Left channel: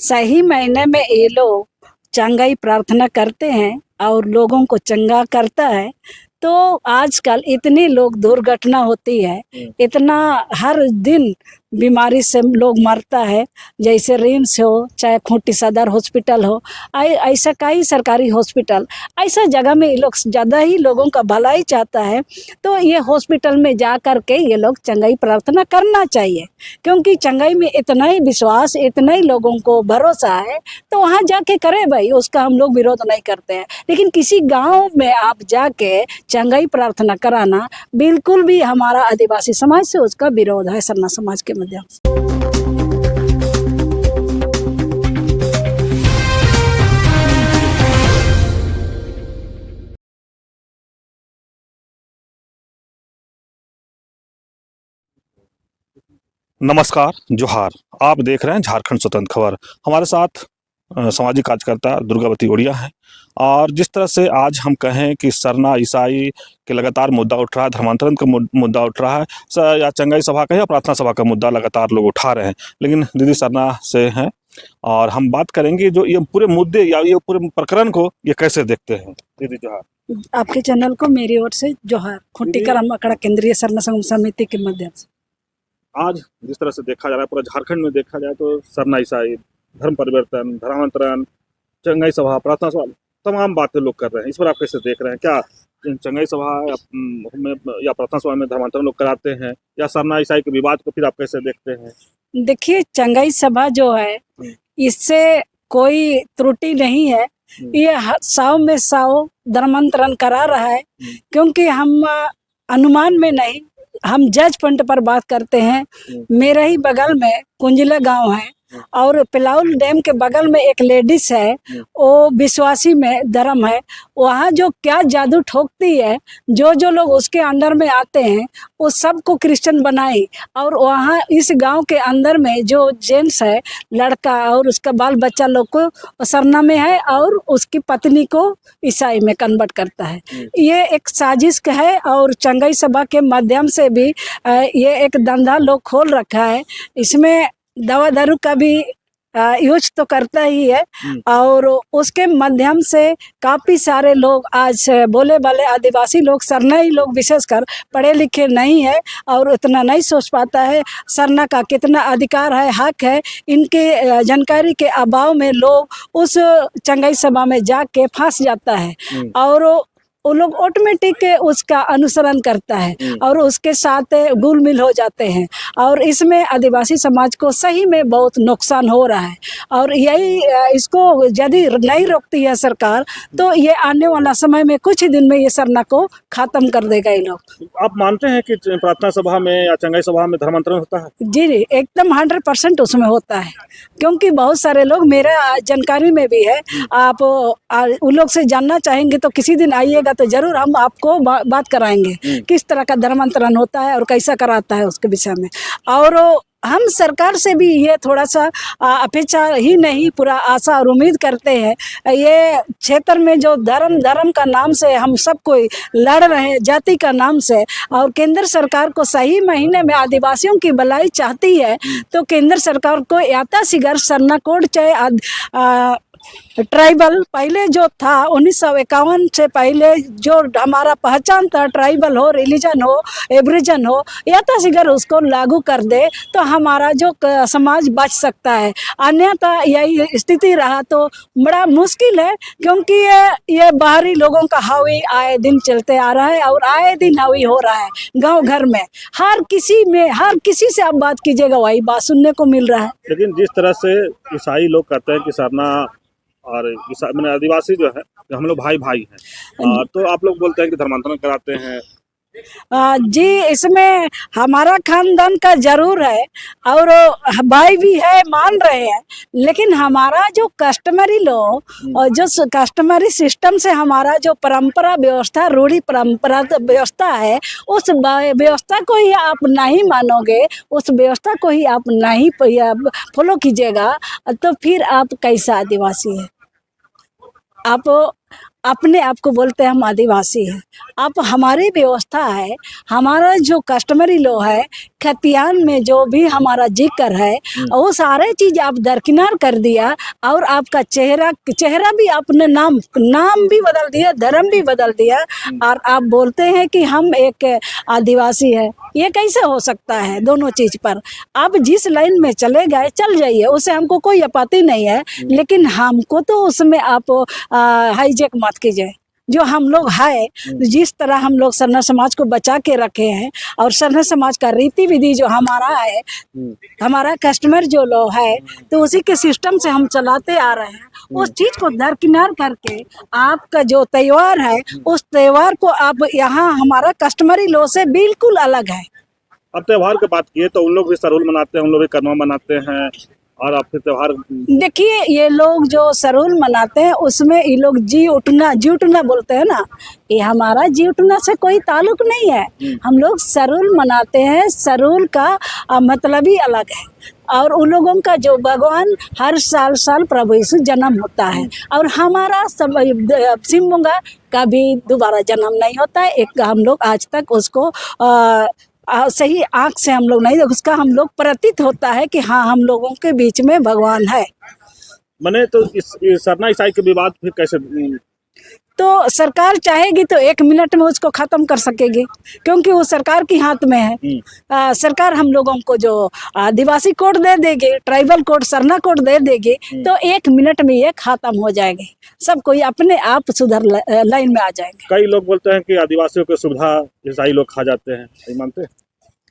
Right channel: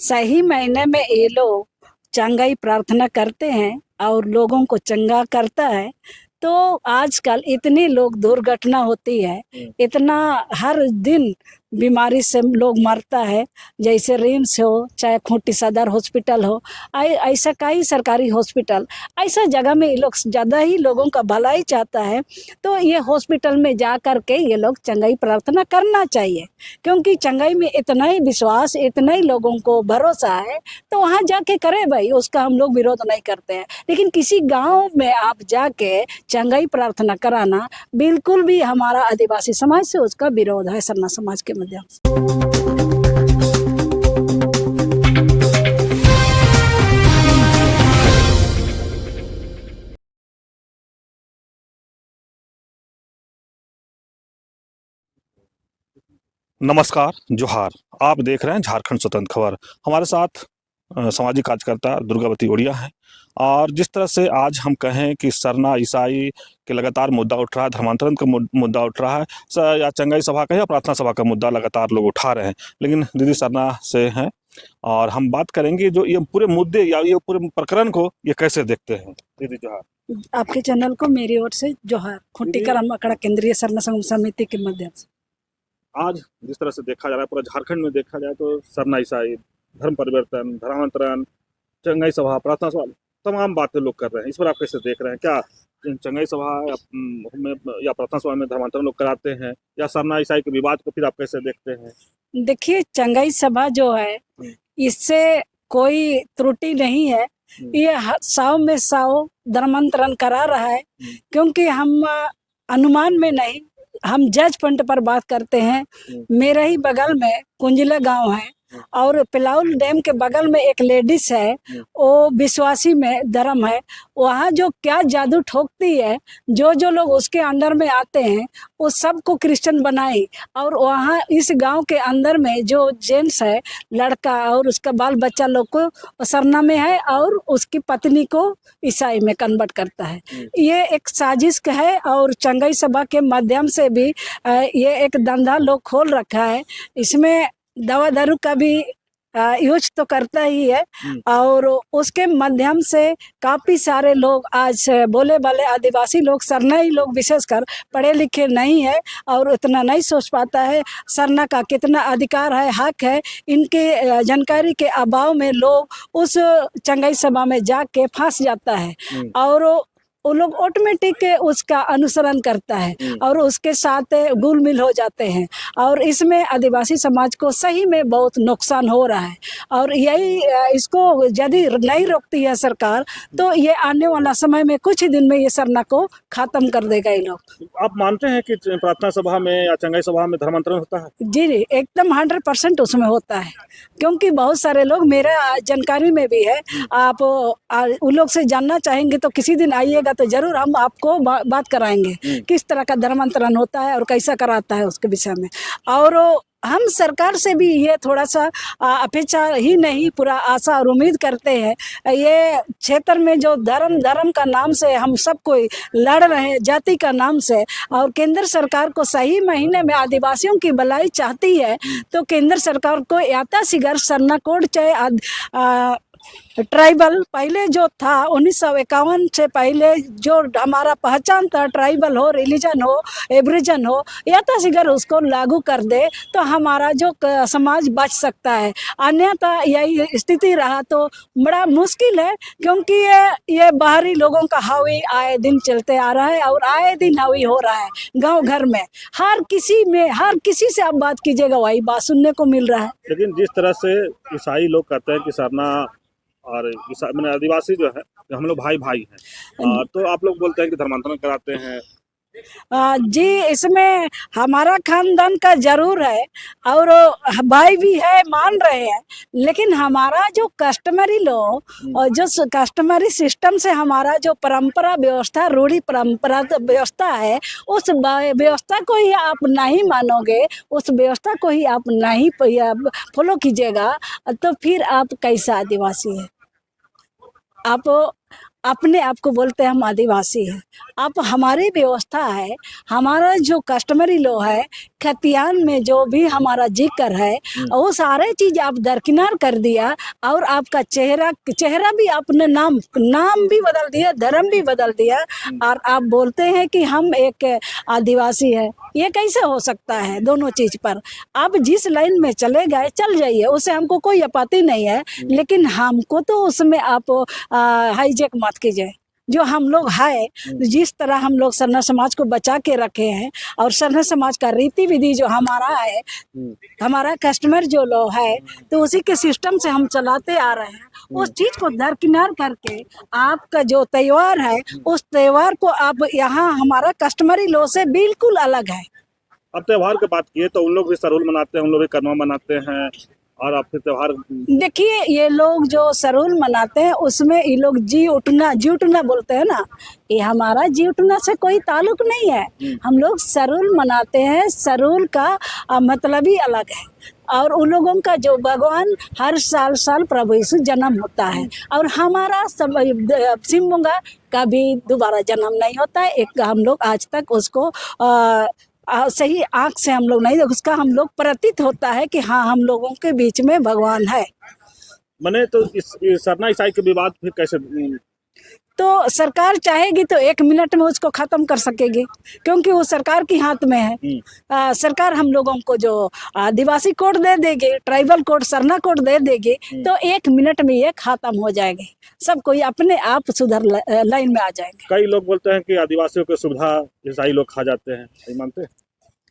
सही महीने में ये लोग चंगाई प्रार्थना करते हैं और लोगों को चंगा करता है। तो आजकल इतनी लोग दुर्घटना होती है, इतना हर दिन बीमारी से लोग मरता है। जैसे रिम्स हो चाहे खूंटी सदर हॉस्पिटल हो, ऐसा कई सरकारी हॉस्पिटल, ऐसा जगह में ये लोग ज़्यादा ही लोगों का भलाई चाहता है। तो ये हॉस्पिटल में जा कर के ये लोग चंगाई प्रार्थना करना चाहिए, क्योंकि चंगाई में इतना ही विश्वास, इतना ही लोगों को भरोसा है, तो वहाँ जाके करे भाई, उसका हम लोग विरोध नहीं करते हैं। लेकिन किसी गांव में आप जाके चंगाई प्रार्थना कराना बिल्कुल भी हमारा आदिवासी समाज से उसका विरोध है, सरना समाज के माध्यम से। नमस्कार, जोहार। आप देख रहे हैं झारखंड स्वतंत्र खबर। हमारे साथ सामाजिक कार्यकर्ता दुर्गावती ओड़िया हैं। और जिस तरह से आज हम कहें कि सरना ईसाई के लगातार मुद्दा उठ रहा है, धर्मांतरण का मुद्दा उठ रहा है, या चंगाई सभा का या प्रार्थना सभा का मुद्दा लगातार लोग उठा रहे हैं। लेकिन दीदी सरना से हैं और हम बात करेंगे जो ये पूरे मुद्दे या ये पूरे प्रकरण को ये कैसे देखते हैं। दीदी जोहार। आपके चैनल को मेरी ओर से जोहार। खूंटी करम अखाड़ा केंद्रीय सरना संघ समिति के माध्यम से आज जिस तरह से देखा जा रहा है, पूरा झारखंड में देखा जाए तो सरना ईसाई, धर्म परिवर्तन, धर्मांतरण, चंगाई सभा, प्रार्थना सभा, तमाम बातें लोग कर रहे हैं। इस पर आप कैसे देख रहे हैं? क्या चंगाई सभा में या प्रार्थना सभा में धर्मांतरण लोग कराते हैं, या सरना ईसाई के विवाद को फिर आप कैसे देखते हैं? देखिए, चंगाई सभा जो है इससे कोई त्रुटि नहीं है। ये 100 में 100 धर्मांतरण करा रहा है, क्योंकि हम अनुमान में नहीं, हम जज पॉइंट पर बात करते हैं। मेरा ही बगल में कुंजिला गांव है और पिलाउल डैम के बगल में एक लेडीज है, वो विश्वासी में धर्म है। वहाँ जो क्या जादू ठोकती है, जो जो लोग उसके अंडर में आते हैं वो सबको क्रिश्चियन बनाई। और वहाँ इस गांव के अंदर में जो जेंट्स है, लड़का और उसका बाल बच्चा लोग को सरना में है और उसकी पत्नी को ईसाई में कन्वर्ट करता है। ये एक साजिश है और चंगाई सभा के माध्यम से भी ये एक धंधा लोग खोल रखा है। इसमें दवा दारू का भी यूज तो करता ही है, और उसके माध्यम से काफ़ी सारे लोग आज बोले वाले आदिवासी लोग, सरनाई लोग विशेषकर पढ़े लिखे नहीं है और उतना नहीं सोच पाता है सरना का कितना अधिकार है, हक है। इनके जानकारी के अभाव में लोग उस चंगाई सभा में जाके फंस जाता है और वो लोग ऑटोमेटिक उसका अनुसरण करता है और उसके साथ घुल मिल हो जाते हैं। और इसमें आदिवासी समाज को सही में बहुत नुकसान हो रहा है। और यही इसको यदि नहीं रोकती है सरकार, तो ये आने वाला समय में कुछ ही दिन में ये सरना को खत्म कर देगा ये लोग। आप मानते हैं कि प्रार्थना सभा में या चंगाई सभा में धर्मांतरण होता है? जी जी, एकदम 100% उसमें होता है, क्योंकि बहुत सारे लोग, मेरा जानकारी में भी है। आप उन लोग से जानना चाहेंगे तो किसी दिन आइएगा तो जरूर हम आपको बात कराएंगे किस तरह का धर्मांतरण होता है और कैसा कराता है उसके विषय में। और हम सरकार से भी ये थोड़ा सा अपेक्षा ही नहीं, पूरा आशा और उम्मीद करते हैं। ये क्षेत्र में जो धर्म का नाम से हम सब कोई लड़ रहे हैं, जाति का नाम से, और केंद्र सरकार को सही महीने में आदिवासियों की भलाई चाहती है, तो केंद्र सरकार को याताशीघ्र सरना कोड चाहे ट्राइबल पहले जो था 1951 से पहले जो हमारा पहचान था, ट्राइबल हो, रिलीजन हो, एब्रिजन हो, याताशीघ्र उसको लागू कर दे तो हमारा जो समाज बच सकता है। अन्यथा यही स्थिति रहा तो बड़ा मुश्किल है, क्योंकि ये बाहरी लोगों का हावी आए दिन चलते आ रहा है और आए दिन हावी हो रहा है गांव घर में। हर किसी से आप बात कीजिएगा वही बात सुनने को मिल रहा है। लेकिन जिस तरह से ईसाई लोग कहते हैं कि सरना और मैंने आदिवासी जो है हम लोग भाई भाई हैं, तो आप लोग बोलते हैं कि धर्मांतरण कराते हैं। जी, इसमें हमारा खानदान का जरूर है और भाई भी है, मान रहे हैं। लेकिन हमारा जो कस्टमरी लो और जो कस्टमरी सिस्टम से हमारा जो परंपरा व्यवस्था, रूढ़ी परंपरा व्यवस्था है, उस व्यवस्था को ही आप नहीं मानोगे, उस व्यवस्था को ही आप नहीं फॉलो कीजिएगा, तो फिर आप कैसा आदिवासी है? आप अपने आप को बोलते हैं हम आदिवासी हैं, अब हमारी व्यवस्था है, हमारा जो कस्टमरी लो है, खतियान में जो भी हमारा जिक्र है वो सारे चीज आप दरकिनार कर दिया, और आपका चेहरा भी आपने नाम भी बदल दिया, धर्म भी बदल दिया, और आप बोलते हैं कि हम एक आदिवासी है। ये कैसे हो सकता है? दोनों चीज पर आप जिस लाइन में चले गए चल जाइए, उससे हमको कोई आपत्ति नहीं है, लेकिन हमको तो उसमें आप हाईजैक मत कीजिए। जो हम लोग है, जिस तरह हम लोग सरना समाज को बचा के रखे हैं, और सरना समाज का रीति विधि जो हमारा है, हमारा कस्टमर जो लोग है, तो उसी के सिस्टम से हम चलाते आ रहे हैं। उस चीज को दरकिनार करके आपका जो त्योहार है, उस त्योहार को आप यहाँ हमारा कस्टमरी लो से बिल्कुल अलग है। अब त्योहार की बात किए तो उन लोग भी सरूल मनाते हैं, उन लोग भी करमा मनाते हैं, और आपके त्योहार देखिए, ये लोग जो सरूल मनाते हैं उसमें ये लोग जी उठना बोलते हैं ना, ये हमारा जी उठना से कोई ताल्लुक नहीं है। हम लोग सरूल मनाते हैं, सरूल का मतलब ही अलग है। और उन लोगों का जो भगवान हर साल प्रभु यीशु जन्म होता है, और हमारा सिम्बुंगा का भी दोबारा जन्म नहीं होता है। एक हम लोग आज तक उसको सही आंख से हम लोग नहीं, उसका हम लोग प्रतीत होता है कि हाँ, हम लोगों के बीच में भगवान है। मने तो इस सरना ईसाई के विवाद फिर कैसे? तो सरकार चाहेगी तो 1 मिनट में उसको खत्म कर सकेगी, क्योंकि वो सरकार के हाथ में है। सरकार हम लोगों को जो आदिवासी कोड दे देगी, ट्राइबल कोड, सरना कोड दे देगी, तो 1 मिनट में ये खत्म हो जाएगी। सब कोई अपने आप सुधर लाइन में आ जाएंगे। कई लोग बोलते हैं कि आदिवासियों की सुविधा ईसाई लोग खा जाते हैं, नहीं मानते?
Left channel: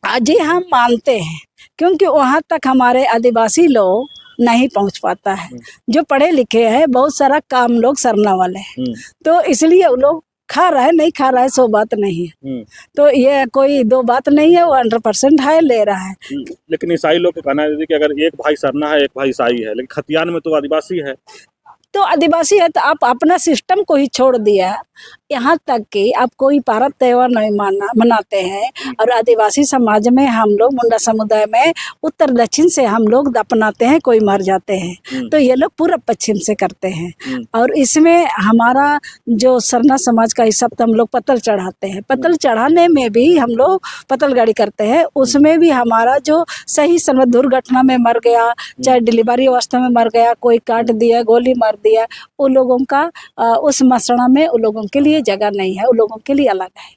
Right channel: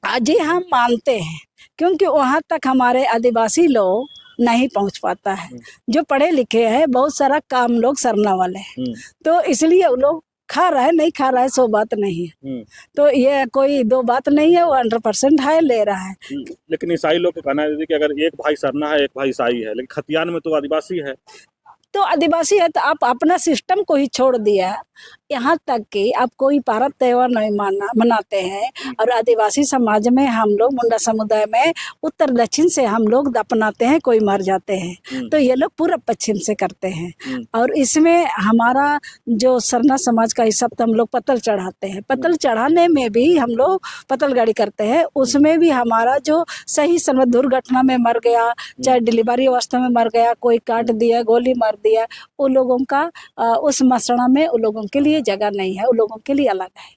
जी हम मानते हैं, क्योंकि वहाँ तक हमारे आदिवासी लोग नहीं पहुँच पाता है। जो पढ़े लिखे हैं, बहुत सारा काम लोग सरना वाले हैं, तो इसलिए वो लोग खा रहा है, नहीं खा रहा है, सो बात नहीं है। तो ये कोई दो बात नहीं है, वो 100% है, ले रहा है। लेकिन ईसाई लोग का कहना है कि अगर एक भाई सरना है, एक भाई ईसाई है, लेकिन खतियान में तो आदिवासी है। तो आदिवासी है तो आप अपना सिस्टम को ही छोड़ दिया, यहाँ तक कि आप कोई पर्व त्योहार नहीं मनाते हैं। और आदिवासी समाज में हम लोग, मुंडा समुदाय में उत्तर दक्षिण से हम लोग अपनाते हैं, कोई मर जाते हैं तो ये लोग पूर्व पश्चिम से करते हैं। और इसमें हमारा जो सरना समाज का हिसाब तो हम लोग पतल चढ़ाते हैं। पतल चढ़ाने में भी हम लोग पतल गाड़ी करते हैं, उसमें भी हमारा जो सही समय दुर्घटना में मर गया, चाहे डिलीवरी अवस्था में मर गया, कोई काट दिया, गोली मार दिया, उन लोगों का उस मसड़ा में उन लोगों के लिए जगह नहीं है, उन लोगों के लिए अलग है।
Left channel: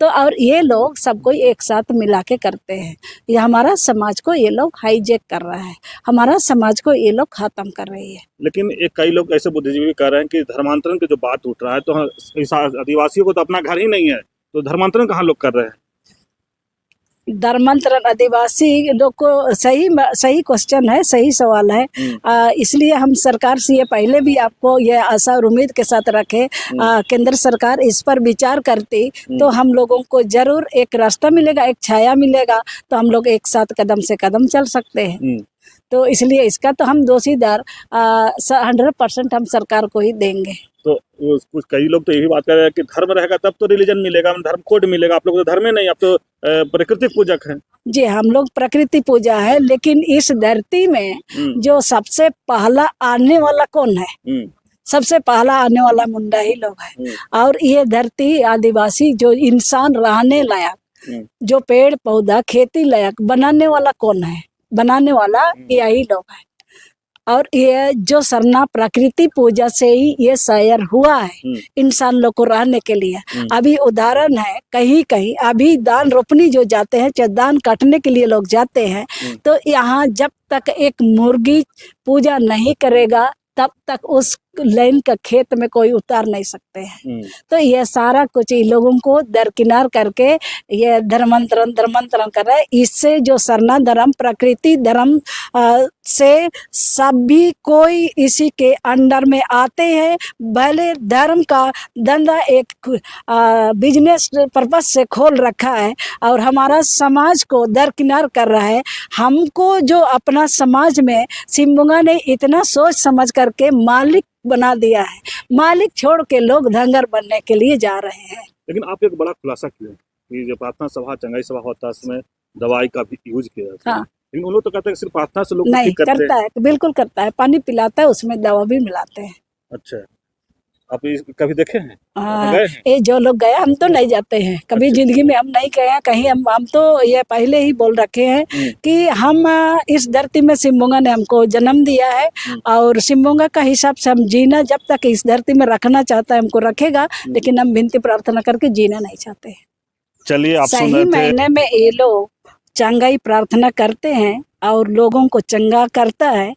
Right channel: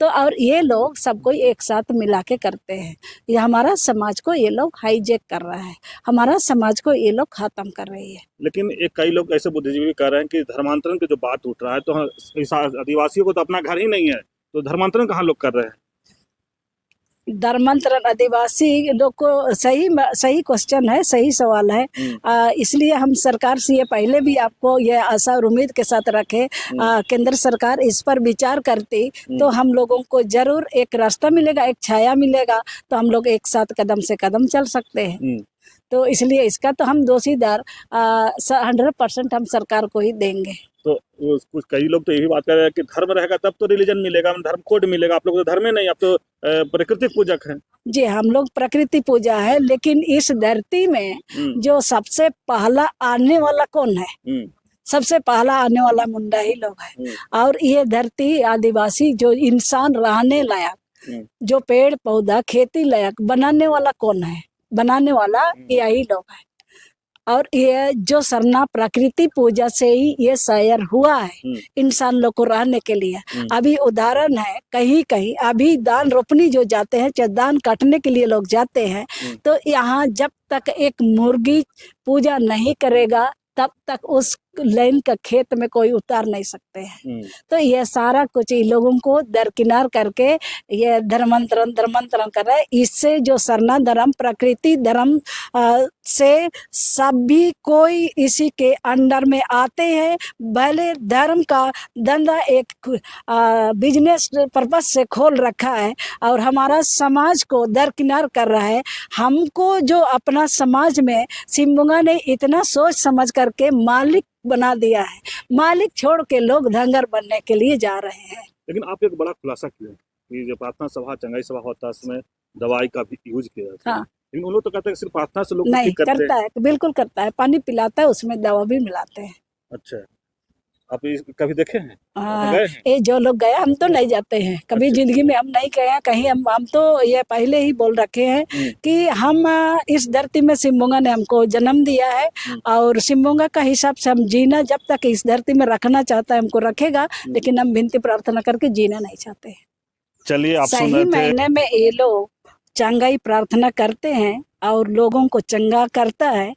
तो और ये लोग सबको एक साथ मिला के करते हैं। ये हमारा समाज को ये लोग हाईजैक कर रहा है, हमारा समाज को ये लोग खत्म कर रही है। लेकिन एक कई लोग ऐसे बुद्धिजीवी कह रहे हैं कि धर्मांतरण की जो बात उठ रहा है, तो आदिवासियों को तो अपना घर ही नहीं है, तो धर्मांतरण कहाँ लोग कर रहे हैं? धर्मांतरण आदिवासी लोग को सही क्वेश्चन है, सही सवाल है। इसलिए हम सरकार से ये पहले भी आपको ये आशा और उम्मीद के साथ रखे, केंद्र सरकार इस पर विचार करती तो हम लोगों को जरूर एक रास्ता मिलेगा, एक छाया मिलेगा, तो हम लोग एक साथ कदम से कदम चल सकते हैं। तो इसलिए इसका तो हम दोषीदार 100% हम सरकार को ही देंगे। तो कुछ कई लोग तो यही बात कर रहे हैं कि धर्म रहेगा तब तो रिलीजन मिलेगा, धर्म कोड मिलेगा। आप लोग तो धर्म नहीं, आप तो प्रकृति पूजक हैं। जी, हम लोग प्रकृति पूजा है, लेकिन इस धरती में जो सबसे पहला आने वाला कौन है? सबसे पहला आने वाला मुंडा ही लोग है। और ये धरती आदिवासी जो इंसान रहने लायक, जो पेड़ पौधा खेती लायक बनाने वाला कौन है? बनाने वाला यही लोग है। और ये जो सरना प्रकृति पूजा से ही ये शायर हुआ है इंसान लोग को रहने के लिए। अभी उदाहरण है, कहीं कहीं अभी धान रोपनी जो जाते हैं, चाहे धान काटने के लिए लोग जाते हैं, तो यहाँ जब तक एक मुर्गी पूजा नहीं करेगा तब तक उस लाइन का खेत में कोई उतार नहीं सकते हैं। तो ये सारा कुछ इन लोगों को दरकिनार करके ये धर्मांतरण कर रहा है। इससे जो सरना धर्म प्रकृति धर्म से सभी कोई इसी के अंडर में आते हैं। भले धर्म का धंधा एक बिजनेस पर्पज से खोल रखा है और हमारा समाज को दरकिनार कर रहा है। हमको जो अपना समाज में सिम्बुंगा ने इतना सोच समझ करके मालिक बना दिया है, मालिक छोड़ के लोग धंगर बनने के लिए जा रहे हैं। लेकिन आप एक बड़ा खुलासा किया कि जो प्रार्थना सभा चंगाई सभा होता है उसमें दवाई का भी यूज किया जाता है। लेकिन उन लोग तो कहते हैं सिर्फ प्रार्थना से लोग नहीं करता है, बिल्कुल करता है, पानी पिलाता है, उसमें दवा भी मिलाते हैं। अच्छा, आप कभी देखे हैं? हाँ, गए हैं? ये जो लोग गए हम तो नहीं जाते हैं कभी, जिंदगी में हम नहीं गए हैं कहीं। हम तो ये पहले ही बोल रखे हैं कि हम इस धरती में सिम्बोंगा ने हमको जन्म दिया है और सिम्बोंगा का हिसाब से हम जीना जब तक इस धरती में रखना चाहता है हमको रखेगा, लेकिन हम विनती प्रार्थना करके जीना नहीं चाहते हैं। चलिए, आप सुन सही रहे थे। महीने में ये लोग चंगाई प्रार्थना करते हैं और लोगों को चंगा करता है।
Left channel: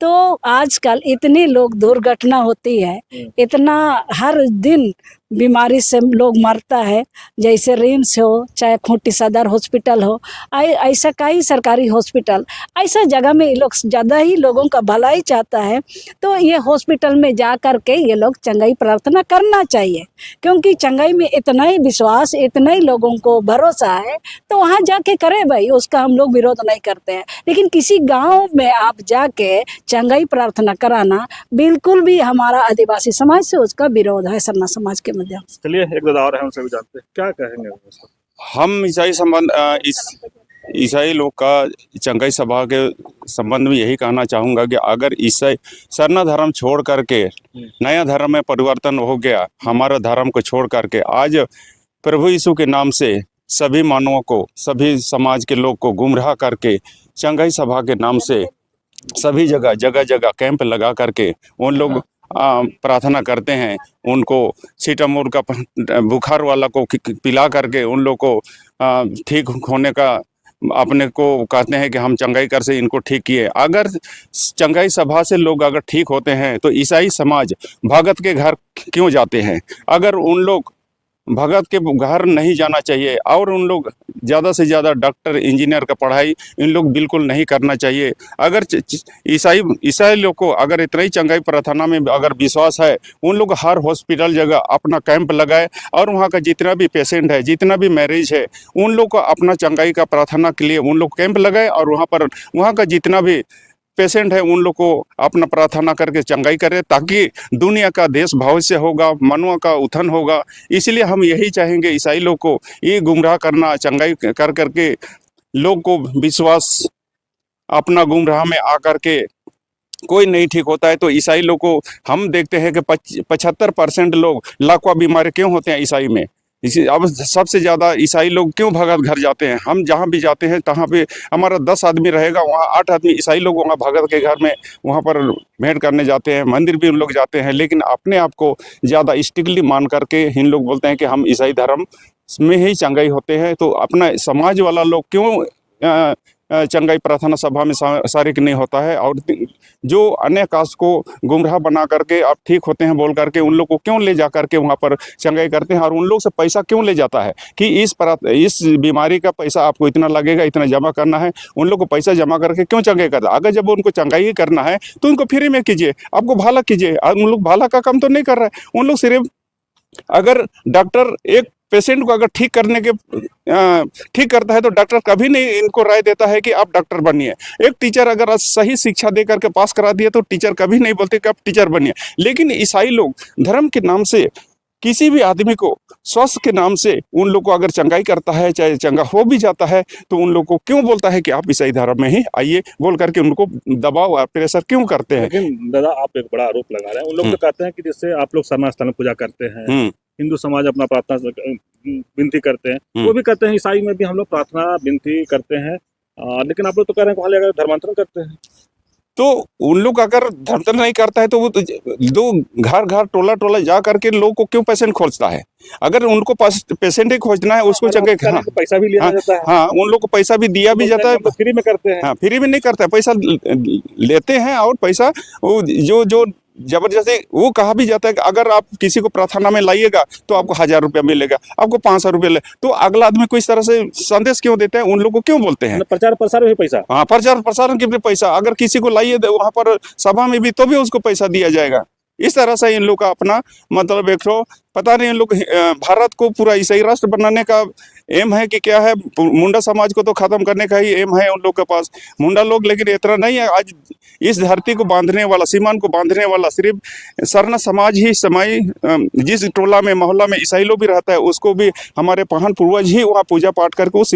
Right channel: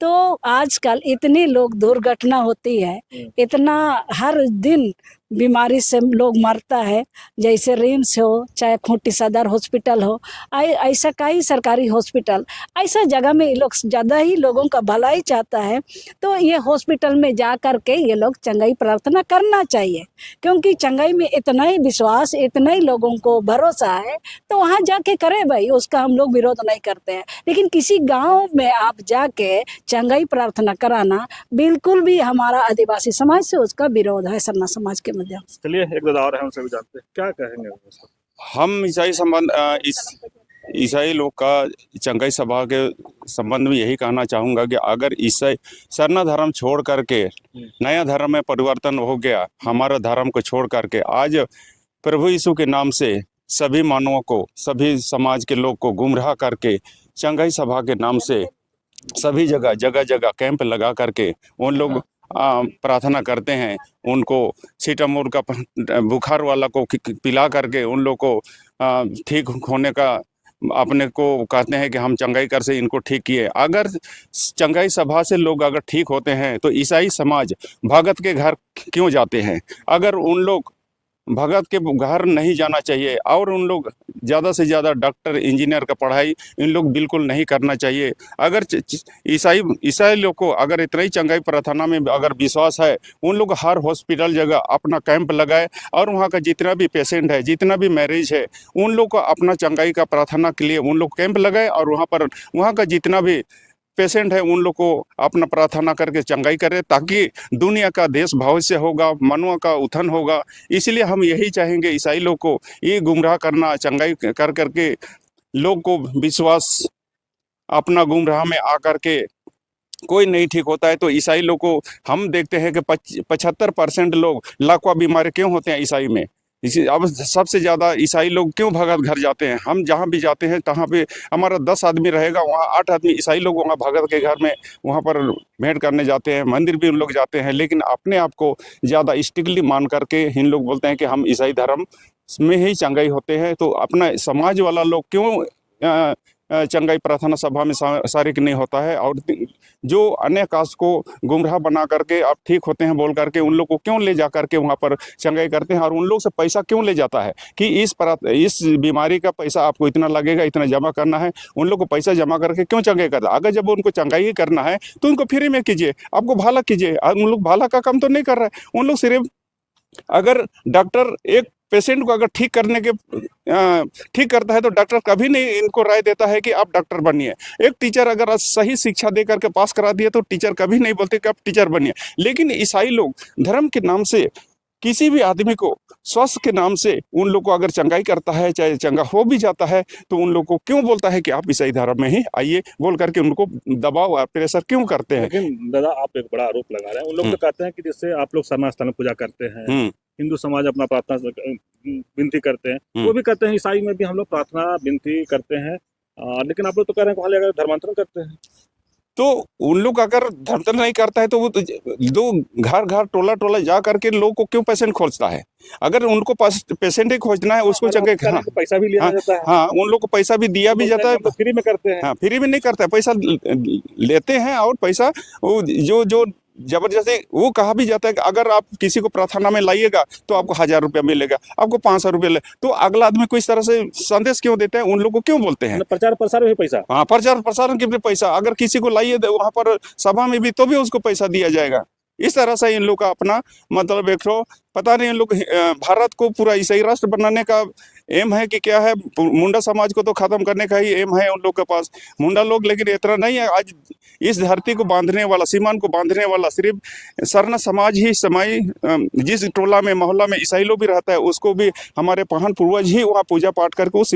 तो आजकल इतनी लोग दुर्घटना होती है, इतना हर दिन बीमारी से लोग मरता है, जैसे रिम्स हो चाहे खूंटी सदर हॉस्पिटल हो, ऐसा कई सरकारी हॉस्पिटल, ऐसा जगह में ये लोग ज़्यादा ही लोगों का भलाई चाहता है। तो ये हॉस्पिटल में जा कर के ये लोग चंगाई प्रार्थना करना चाहिए, क्योंकि चंगाई में इतना ही विश्वास, इतना ही लोगों को भरोसा है, तो वहाँ जाके करे भाई, उसका हम लोग विरोध नहीं करते हैं। लेकिन किसी गांव में आप जाके चंगाई प्रार्थना कराना बिल्कुल भी हमारा आदिवासी समाज से उसका विरोध है, सरना समाज के माध्यम से। चलिए, एक दादा और हैं, उनसे भी जानते हैं क्या कहेंगे उसको। हम ईसाई संबंध इस ईसाई लोग का चंगाई सभा के संबंध में यही कहना चाहूँगा कि अगर ईसाई सरना धर्म छोड़ करके नया धर्म में परिवर्तन हो गया, हमारा धर्म को छोड़ करके आज प्रभु यीशु के नाम से सभी मानवों को, सभी समाज के लोग को गुमराह करके चंगाई सभा के नाम से सभी जगह जगह कैंप लगा करके उन लोग प्रार्थना करते हैं, उनको सीटामोर का बुखार वाला को पिला करके उन लोग को ठीक होने का अपने को कहते हैं कि हम चंगाई कर से इनको ठीक किए। अगर चंगाई सभा से लोग अगर ठीक होते हैं तो ईसाई समाज भगत के घर क्यों जाते हैं? अगर उन लोग भगत के घर नहीं जाना चाहिए और उन लोग ज़्यादा से ज़्यादा डॉक्टर इंजीनियर का पढ़ाई इन लोग बिल्कुल नहीं करना चाहिए। अगर ईसाई लोग को अगर इतना ही चंगाई प्रार्थना में अगर विश्वास है, उन लोग हर हॉस्पिटल जगह अपना कैंप लगाए और वहाँ का जितना भी पेशेंट है, जितना भी मरीज है, उन लोग को अपना चंगाई का प्रार्थना के लिए उन लोग कैंप लगाए और वहाँ पर वहाँ का जितना भी पेशेंट है उन लोग को अपना प्रार्थना करके चंगाई करे, ताकि दुनिया का देश भविष्य होगा, मानव का उत्थान होगा। इसलिए हम यही चाहेंगे ईसाई लोग को ये गुमराह करना, चंगाई कर करके लोग को विश्वास अपना गुमराह में आकर के कोई नहीं ठीक होता है। तो ईसाई लोग को हम देखते हैं कि 75% लोग लाखों बीमारी क्यों होते हैं ईसाई में। इसी अब सबसे ज़्यादा ईसाई लोग क्यों भगत घर जाते हैं? हम जहाँ भी जाते हैं तहाँ पे हमारा 10 आदमी रहेगा, वहाँ 8 आदमी ईसाई लोग वहाँ भगत के घर में वहाँ पर भेंट करने जाते हैं, मंदिर भी उन लोग जाते हैं, लेकिन अपने आप को ज़्यादा स्ट्रिक्टली मान करके इन लोग बोलते हैं कि हम ईसाई धर्म में ही चंगाई होते हैं। तो अपना समाज वाला लोग क्यों चंगाई प्रार्थना सभा में शारिक नहीं होता है? और जो अन्य कास्ट को गुमराह बना करके आप ठीक होते हैं बोल करके उन लोग को क्यों ले जा करके वहाँ पर चंगाई करते हैं और उन लोग से पैसा क्यों ले जाता है कि इस बीमारी का पैसा आपको इतना लगेगा, इतना जमा करना है। उन लोग को पैसा जमा करके क्यों चंगाई करता है? अगर जब उनको चंगाई ही करना है तो उनको फ्री में कीजिए, आपको भला कीजिए। उन लोग भला का काम तो नहीं कर रहे हैं। उन लोग सिर्फ अगर डॉक्टर एक पेशेंट को अगर ठीक करता है तो डॉक्टर कभी नहीं इनको राय देता है कि आप डॉक्टर बनिए। एक टीचर अगर सही शिक्षा दे करके पास करा दिया तो टीचर कभी नहीं बोलते कि आप टीचर बनिए। लेकिन ईसाई लोग धर्म के नाम से किसी भी आदमी को स्वास्थ्य के नाम से उन लोग को अगर चंगाई करता है, चाहे चंगा हो भी जाता है, तो उन लोग को क्यों बोलता है कि आप ईसाई धर्म में ही आइए बोल करके उनको दबाव और प्रेशर क्यों करते हैं? लेकिन दादा, आप एक बड़ा आरोप लगा रहे हैं। उन लोग तो कहते हैं कि जिससे आप लोग सरना स्थल में पूजा करते हैं, हिंदू समाज अपना प्रार्थना विनती करते हैं, वो भी कहते हैं ईसाई में भी हम लोग प्रार्थना विनती करते हैं, लेकिन आप लोग तो कह रहे हैं वहाँ धर्मांतरण करते हैं। तो उन लोग अगर धर्मांतरण नहीं करता है तो वो दो घर टोला जा करके लोग को क्यों पेशेंट खोजता है? अगर उनको पेशेंट ही खोजना है उसको चंगे पैसा भी लिया जाता है। हाँ, उन लोग को पैसा भी दिया भी जाता है। फ्री में करते हैं? हाँ, फ्री में नहीं करता है, पैसा लेते हैं और पैसा जो जबरदस्ती वो कहा भी जाता है कि अगर आप किसी को प्रार्थना में लाइएगा तो आपको 1000 रुपया मिलेगा, आपको 500 रुपया तो अगला आदमी को इस तरह से संदेश क्यों देते हैं? उन लोग को क्यों बोलते हैं? प्रचार प्रसार में पैसा। हाँ, प्रचार प्रसारण के भी पैसा। अगर किसी को लाइए वहां पर सभा में भी तो भी उसको पैसा दिया जाएगा। इस तरह से इन लोग का अपना मतलब एक पता नहीं, इन लोग भारत को पूरा ईसाई राष्ट्र बनाने का एम है कि क्या है, मुंडा समाज को तो खत्म करने का ही एम है उन लोग के पास, मुंडा लोग। लेकिन इतना नहीं है, आज इस धरती को बांधने वाला, सीमान को बांधने वाला सिर्फ सरना समाज ही समाई। जिस टोला में मोहल्ला में ईसाई लोग भी रहता है, उसको भी हमारे पहन पूर्वज ही वहाँ पूजा पाठ करके उस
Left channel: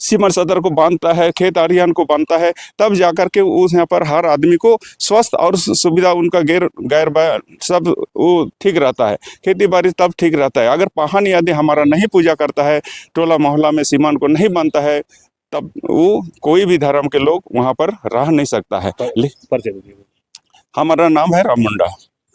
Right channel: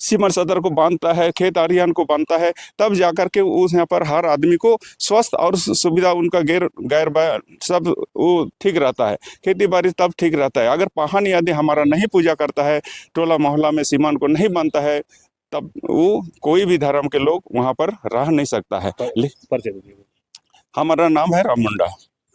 सीमा सदर को बांधता है, खेत आरियान को बांधता है, तब जाकर के उस यहाँ पर हर आदमी को स्वस्थ और सुविधा उनका गैर सब वो ठीक रहता है, खेती बाड़ी तब ठीक रहता है। अगर पहन यदि हमारा नहीं पूजा करता है, टोला मोहल्ला में सीमान को नहीं बांधता है, तब वो कोई भी धर्म के लोग वहाँ पर रह नहीं सकता है। हमारा नाम है राम मुंडा।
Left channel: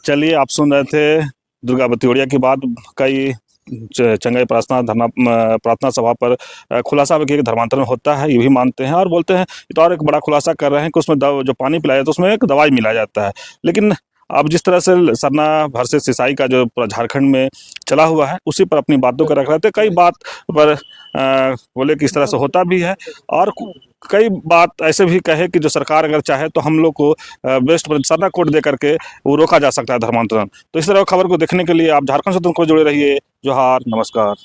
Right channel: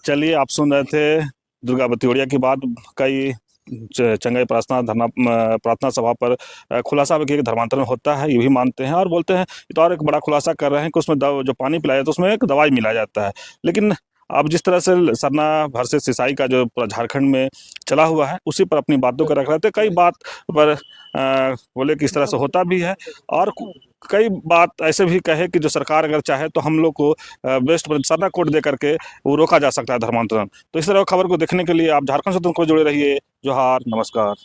चलिए, आप सुन रहे थे दुर्गा बतियोड़िया की बात। कई चंगाई प्रार्थना सभा पर खुलासा भी किया कि धर्मांतरण होता है, ये भी मानते हैं और बोलते हैं। तो और एक बड़ा खुलासा कर रहे हैं कि उसमें जो पानी पिलाया जाता है उसमें एक दवाई मिलाया जाता है। लेकिन अब जिस तरह से सरना वर्सेस ईसाई का जो पूरा झारखंड में चला हुआ है, उसी पर अपनी बातों को रख रहे थे। कई बात पर बोले कि इस तरह से होता भी है, और कई बात ऐसे भी कहे कि जो सरकार अगर चाहे तो हम लोग को बेस्ट सरना कोड दे करके वो रोका जा सकता है धर्मांतरण। तो इस तरह खबर को देखने के लिए आप झारखंड स्वतंत्र को जुड़े रहिए। जोहार, नमस्कार।